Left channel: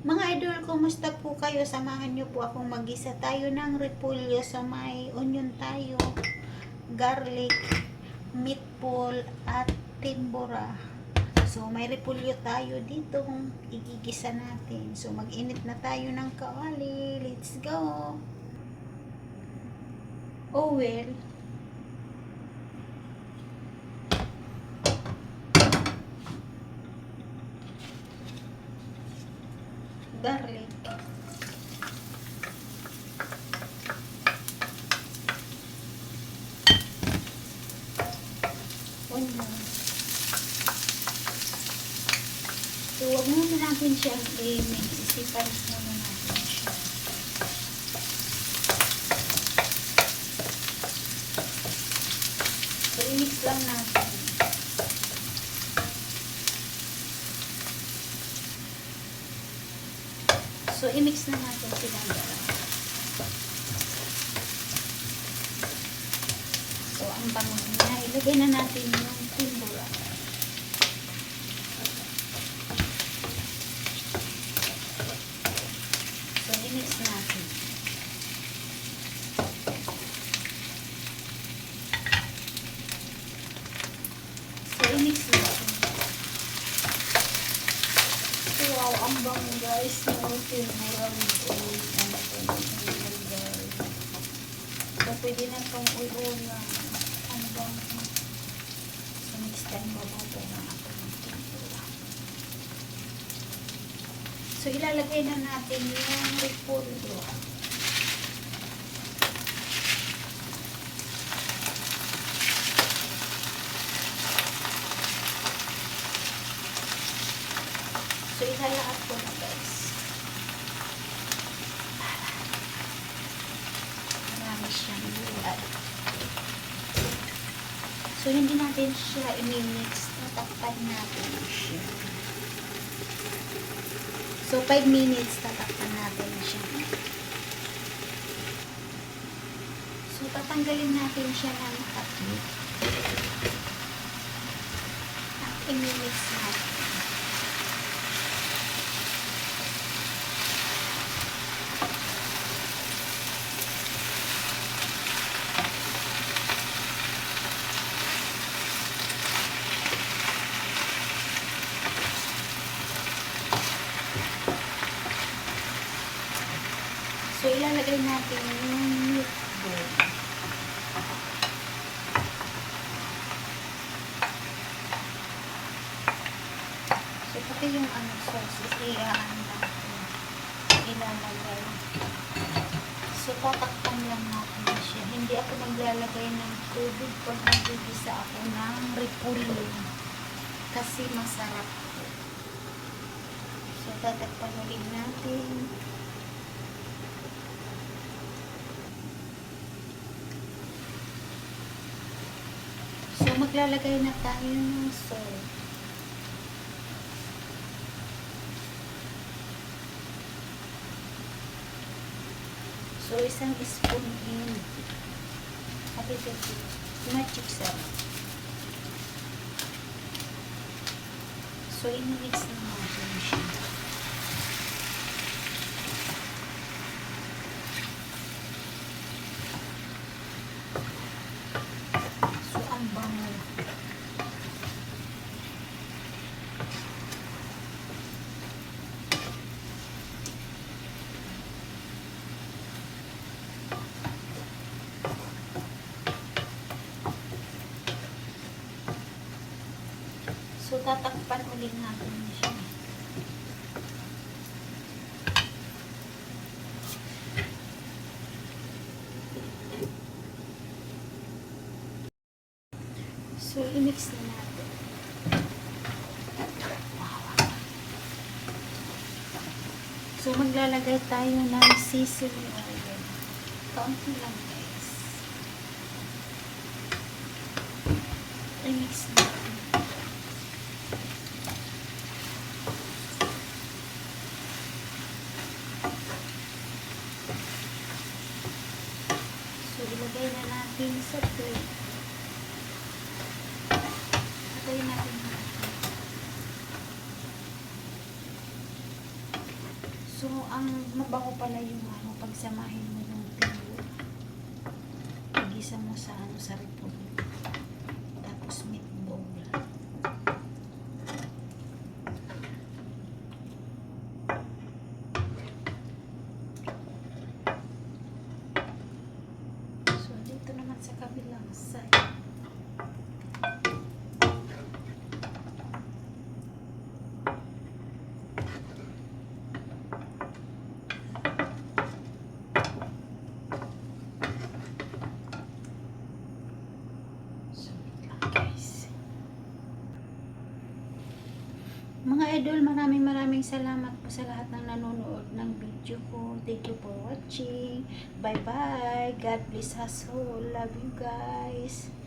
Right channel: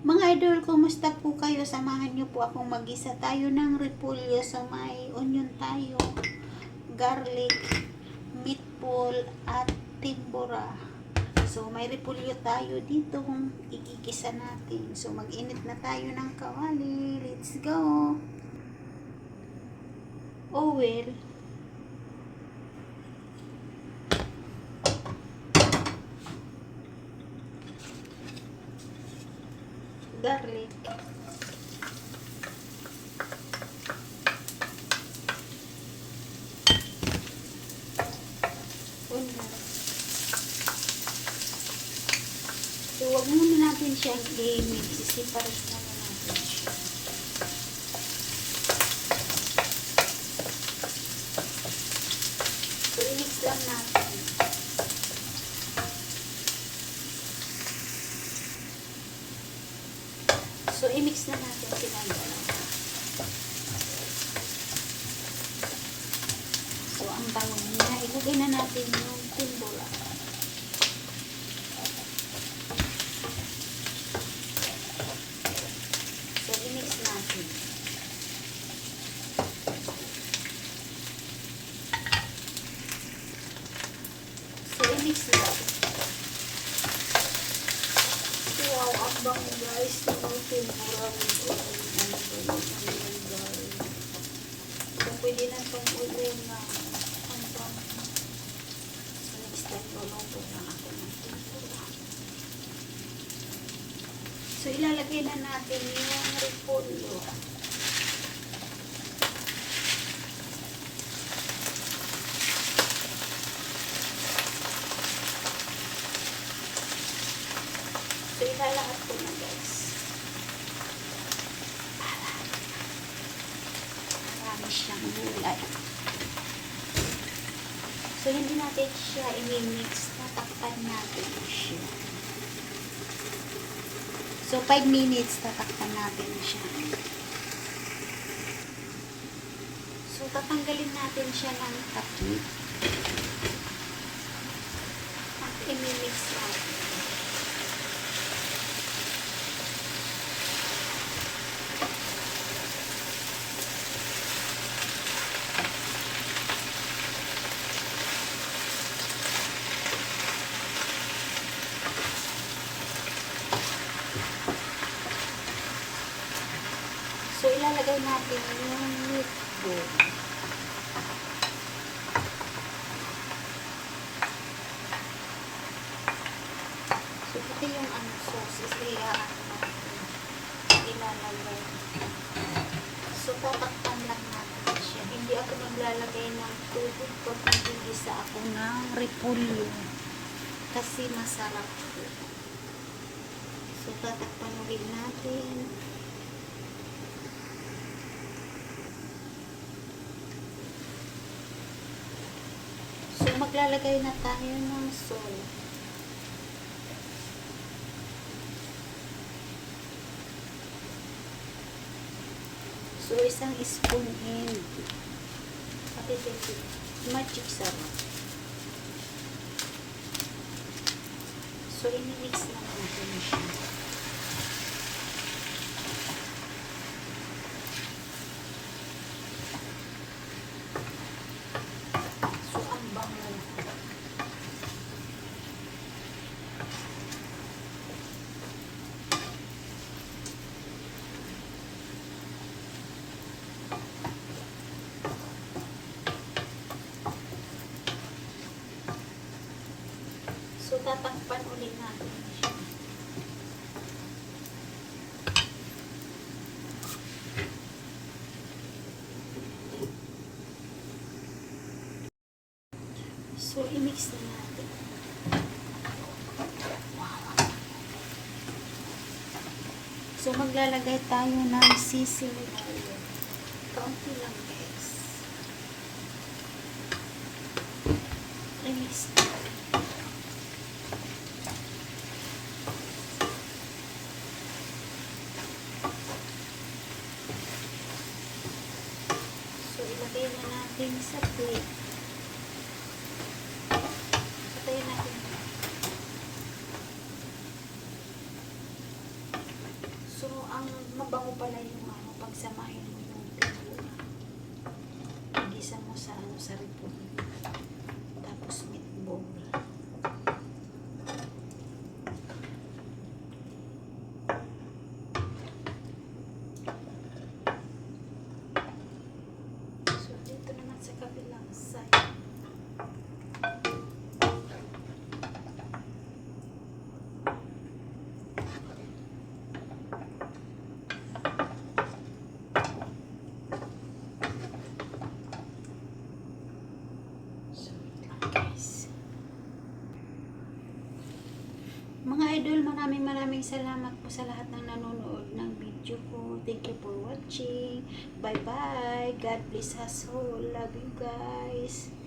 Mga idol, kumusta po kayo? Samahan niyo po akong mag-isa tayo ng repolyo sa may onion tayo, garlic, meatball, at timbura. So, may repolyo tayo dito kung igigisa natin. So, mag-init na tayo ng kawali. Let's go! Oil, garlic, onion. So, huwag muna natin siyang i-mix. Isipalis muna natin siya. So, i-mix lang natin. So, i-mix na natin silang dalawa. So, ang bango na, ilagay na natin yung timbura. So, i-mix natin. So, i-mix natin. So, wow, ang bango guys. No, timbura with oil. Guys. So, pwede na itong oil na ang bango. So, next time, mag-open na ako ng timbura. So, ilalagay na natin yung repolyo. So, ilalahat ko na guys. Marami siyang gulay. So, hindi natin siya i-mix. Tatakpan natin siya. So, 5 minutes tatakpan natin siya. So, tatanggalin natin siya ng takip. At i-mix natin. So, ilalagay natin yung meatball. So, pati yung sauces, ilalagay. So, tatakpan lang natin siya. Hindi ako maglalagay ng tubig pag nagigisa ako ng repolyo. Kasi masarap po. So, tatakpan ulit natin. So, maglalagay na tayo ng salt. So, isang spoon in. Pati ito, magic sarap. So, in-mix na natin siya. So, ang bango. So, tatakpan ulit natin siya. So, i-mix na natin. Wow. So, maglalagay tayo ng sesame oil. Kaunti lang guys. I-mix na. So, ilagay na natin sa plate. Patayin natin. So, ang mabango pala yung ano, pagsamahin mo yung pinula. Igisa mo sa ano, sa repolyo. Tapos meatball. So, dito naman sa kabilang side. So, wait lang guys. Mga idol, maraming salamat po sa lahat ng nanonood ng video ko. Thank you for watching. Bye bye. God bless us all. Love you guys.